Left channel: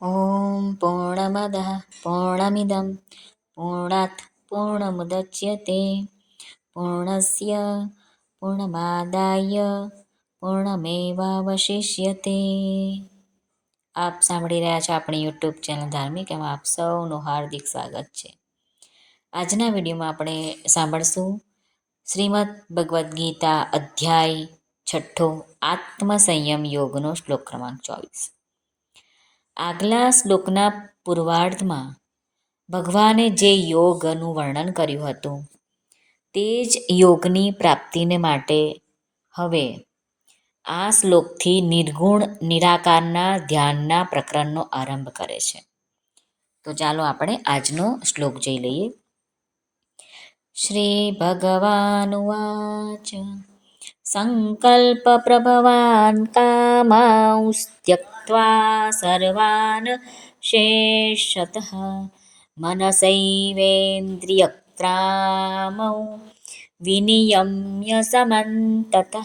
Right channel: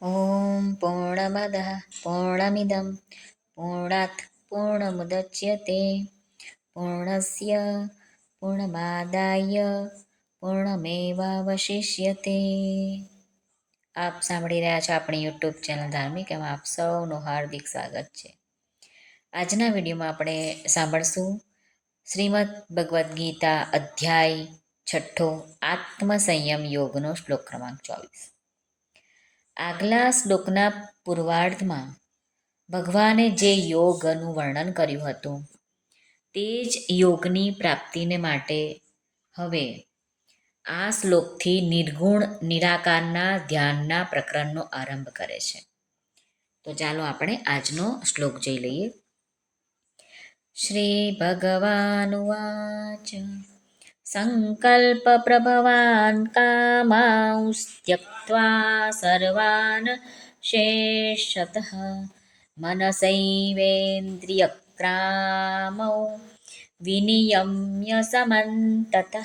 ॐ पूर्णमदः पूर्णमिदं पूर्णात् पूर्णमुदच्यते पूर्णस्य પૂર્ણમાદાય પૂર્ણમેવાવશિષ્યતે। આપ સાંભળી રહ્યા છો આપણી યુટ્યુબ ચેનલ ધાર્મિક, એમાં આપ સૌનું હાર્દિક સ્વાગત છે। આજના વિડીયોમાં આપણે સાંભળશું શ્રીમદ ભગવદ્ ગીતા અધ્યાય 6 આત્મસંયમ યોગનો શ્લોક ક્રમાંક 24। આગલા શ્લોકના પૂર્વાર્ધમાં ભગવાને જે યોગનું વર્ણન કર્યું હતું તે જ યોગની પ્રાપ્તિને માટે હવે આ શ્લોકથી નિર્ગુણ નિરાકારના ધ્યાનના પ્રકરણનો આરંભ કરે છે। તો ચાલો આપણે આજનો શ્લોક જોઈ લઈએ। શ્રી ભગવાનુવાચ સંકલ્પ પ્રભવાન કામાંસ્ત્યક્ત્વા સર્વાન શેષતઃ મનસૈવેન્દ્રિયક્રામૌ વિનિયમ્ય સમંતતઃ।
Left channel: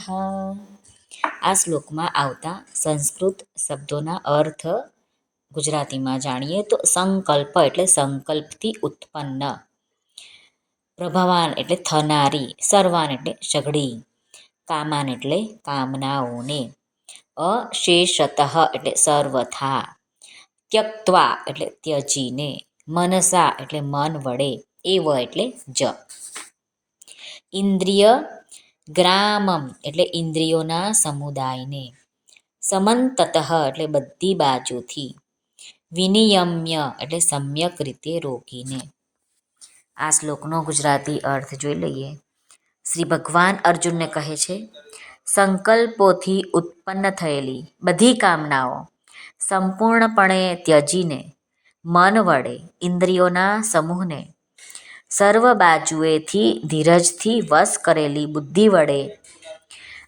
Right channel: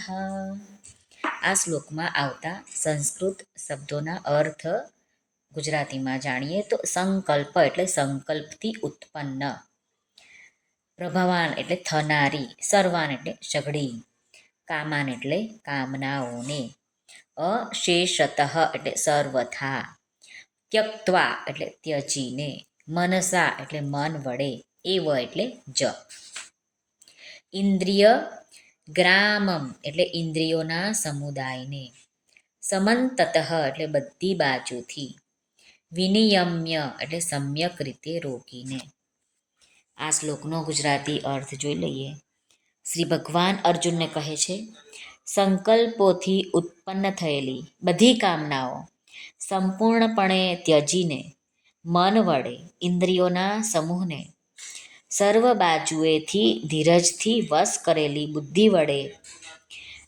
આ શ્લોકમાં આવતા સંસ્કૃત શબ્દોના અર્થ ગુજરાતીમાં જાણીએ તો સંકલ્પ એટલે સંકલ્પથી ઉત્પન્ન, પ્રભવાન એટલે થનારી, સર્વાન એટલે સઘળી, કામાન એટલે કામનાઓને, અશેષતઃ એટલે સર્વથા, ત્યક્ત્વા એટલે ત્યજીને, મનસા એટલે મન વડે, એવ એટલે જ, ઇન્દ્રિય ગ્રામમ એટલે ઇન્દ્રિયોના સમુદાયને, સમંતતઃ એટલે બધી બાજુથી, વિનિયમ્ય એટલે સમ્યક રીતે રોકીને। આ શ્લોકનો ગુજરાતી અર્થ જોઈ લઈએ। શ્રી ભગવાન અર્જુનને કહે છે, સંકલ્પોથી ઉત્પન્ન થયેલી બધી કામનાઓ સંપૂર્ણપણે ત્યજીને, મન વડે ઇન્દ્રિયોના સમૂહને, સર્વ બાજુએથી ધીરજથી વશ કરેલી બુદ્ધિ વડે,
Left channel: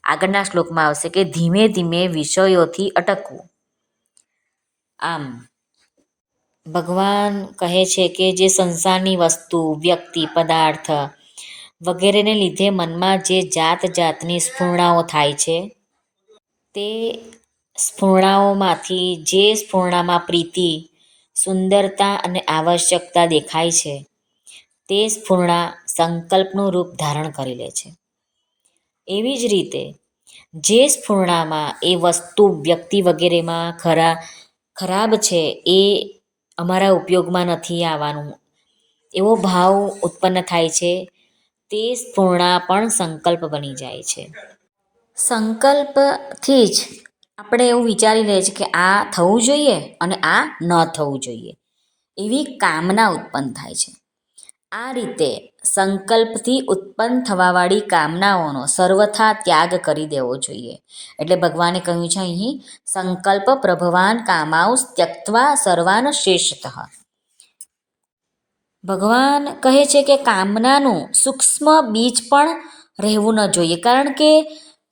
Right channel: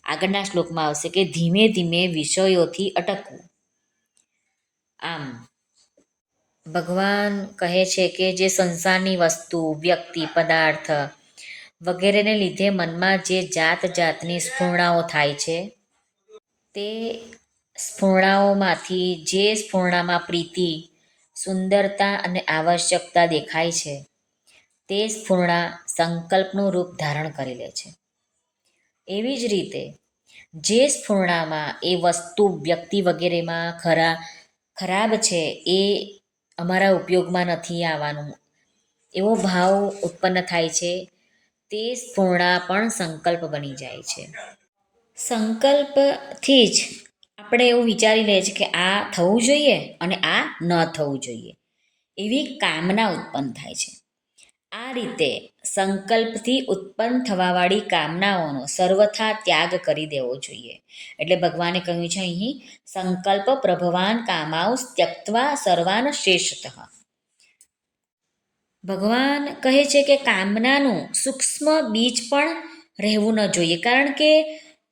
આગળના શ્લોકમાં આવશે કે ધીમે ધીમે વિષયોથી અટકવું। આમ ભગવાન કહે છે કે જે સંસારની વસ્તુ, વ્યક્તિ, પદાર્થ વગેરેને લીધે મનમાં જે જાત જાતની સ્ફૂર્ણાઓ થાય છે તે સ્ફૂર્ણાઓમાંથી જે સ્ફૂર્ણામાં પ્રીતિ, સુંદરતા અને આવશ્યકતા દેખાય છે તે સ્ફૂર્ણા સંકલ્પનું રૂપ ધારણ કરી લે છે। એવી જ રીતે જે સ્ફૂર્ણામાં એ વસ્તુ, વ્યક્તિ વગેરેમાં ખરાબ છે, એ અમારા ઉપયોગમાં નથી આવવાનું એવો ભાવ ઉત્પન્ન થાય છે, તે સ્ફૂર્ણા પણ સંકલ્પ બની જાય છે। સંકલ્પથી જ આપણે એવું વિચારી લઈએ છીએ કે આ થવું જોઈએ અને આ ન થવું જોઈએ, એવી કામના ઉત્પન્ન થાય છે। આ રીતે સંકલ્પથી ઉત્પન્ન થવાવાળી કામનાઓનો સર્વથા ત્યાગ કરી દેવો જોઈએ। એટલે ભગવાને કહ્યું છે અહીં સંકલ્પ પ્રભવાન કામાઉસ ત્યક્ત્વા સર્વાન શેષતઃ। ભગવાન કહે છે કે કામનાનું સૂક્ષ્મ બીજ પણ રહેવું ન જોઈએ, કારણ કે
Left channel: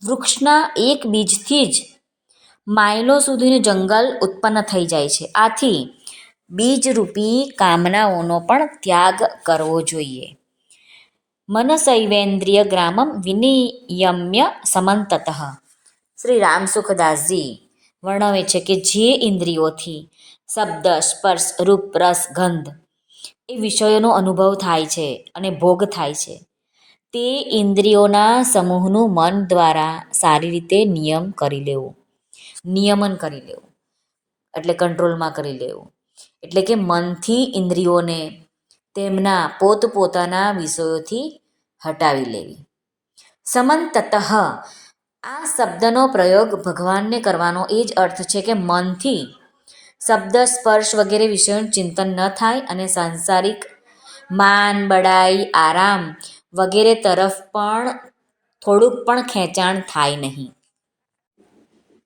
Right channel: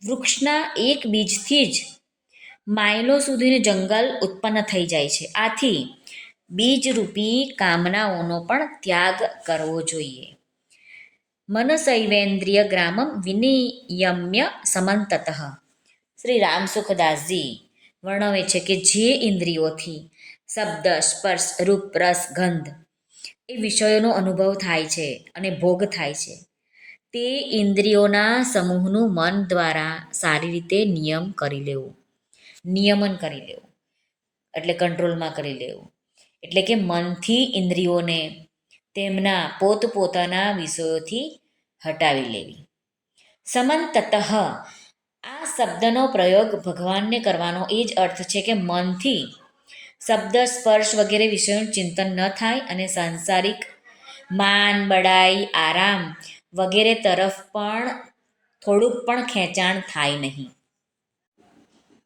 વૃક્ષના એક બીજથી જ માઇલો સુધીનું જંગલ ઉત્પન્ન થઈ જાય છે। આથી બીજરૂપી કામનાઓનો પણ ત્યાગ કરવો જોઈએ। મનસૈવેન્દ્રિય ગ્રામમ વિનિયમ્ય સમંતતઃ। શ્રી રામસુખદાસજી વર્ણવે છે કે જે ઇન્દ્રિયોથી શબ્દ, સ્પર્શ, રૂપ, રસ, ગંધ એ વિષયોનો અનુભવ થાય છે અને ભોગ થાય છે, તે ઇન્દ્રિયોના સમૂહનું મન દ્વારા સારી રીતે નિયમન કરી લેવું એટલે કંટ્રોલમાં કરી લેવું, એટલે કે મનથી ઇન્દ્રિયોને તેમના પોતપોતાના વિષયોથી હટાવી લેવી। સમંતતઃ આ શબ્દનો પ્રયોગ ભગવાનને કરવાનો એ જ અર્થ છે કે મનથી શબ્દ, સ્પર્શ વગેરે વિષયોનું ચિંતન ન થાય અને સાંસારિક માન, બડાઈ, આરામ વગેરે તરફ પણ થોડુંક પણ ખેંચાણ થાય નહીં।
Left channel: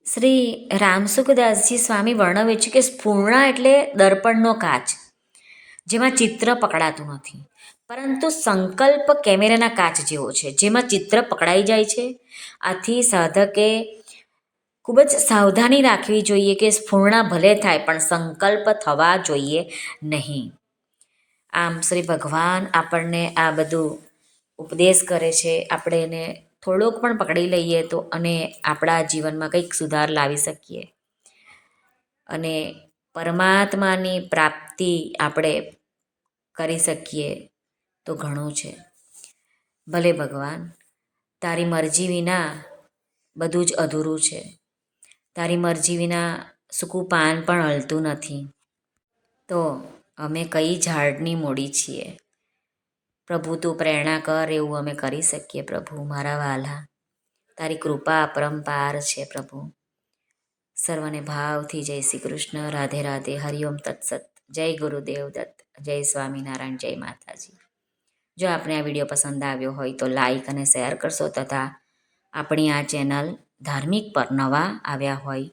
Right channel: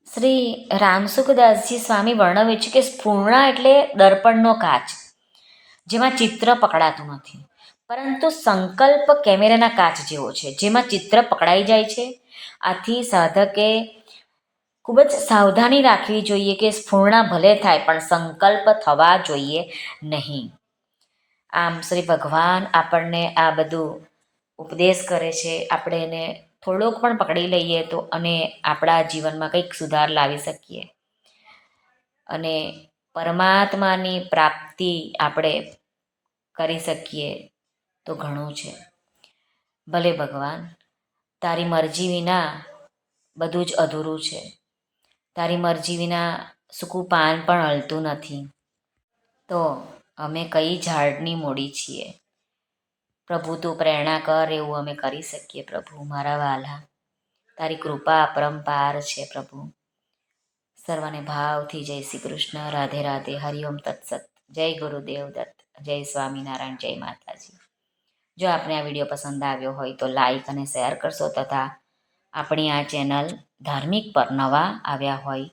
શ્રી રામસુખદાસજી સ્વામી વર્ણવે છે કે સ્ફૂર્ણા એટલે દર્પણનો કાચ, જેમાં ચિત્ર પકડાતું નથી, પરંતુ સંકલ્પ કેમેરાના કાચ જેવો છે, જેમાં ચિત્ર પકડાઈ જાય છે। આથી સાધકે ખૂબ જ સાવધાની રાખવી જોઈએ કે સ્ફૂર્ણા ભલે થાય પણ સંકલ્પ થવા જોઈએ નહીં। આમ શ્રી ભગવાન આપણને આ બધું ઉપદેશ કરે છે, આપણે એને થોડોક પણ પકડી લઈએ તો અને આપણા જીવનમાં કંઈક સુધાર લાવી શકીએ અને પરમાત્માની પ્રાપ્તિ આપણે કરી શકીએ તો ઘણું છે. ભલે ભગવાન, તારી મરજી વિના બધું જ અધૂરું છે. તારી મરજી વિના સૂકું પાન પણ હલતું નથી. તો અમે કઈ ઝાડની મૂડી છીએ? પ્રભુ તું પ્રેરણા કર એવું અમે કરી શકીએ. પ્રભુ મારા વહાલા, તારી કૃપા અપરંપાર છે. પ્રભુ સર્વને ભાવથી જય શ્રી કૃષ્ણ. રાધે રાધે. હરિઓમ તત્સત. જય ગુરુદેવ દત્ત. જય સ્વામિનારાયણ. જય માતાજી. જો આપને આ વિડીયો પસંદ આવ્યો હોય તો લાઈક અને શેર કરશો, તથા આપણી આ ચેનલ ધાર્મિક પર નવા આવ્યા હોય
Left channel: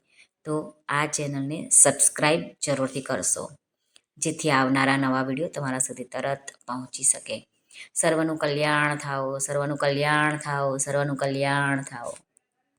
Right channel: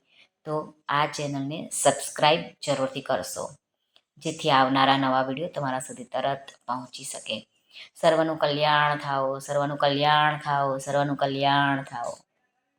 તો આ ચેનલને સબસ્ક્રાઈબ જરૂરથી કરશો, જેથી આવનારા નવા વિડીયો તમારા સુધી તરત પહોંચી શકે. સર્વનું કલ્યાણ થાઓ, સર્વનું કલ્યાણ થાઓ, સર્વનું કલ્યાણ થાઓ.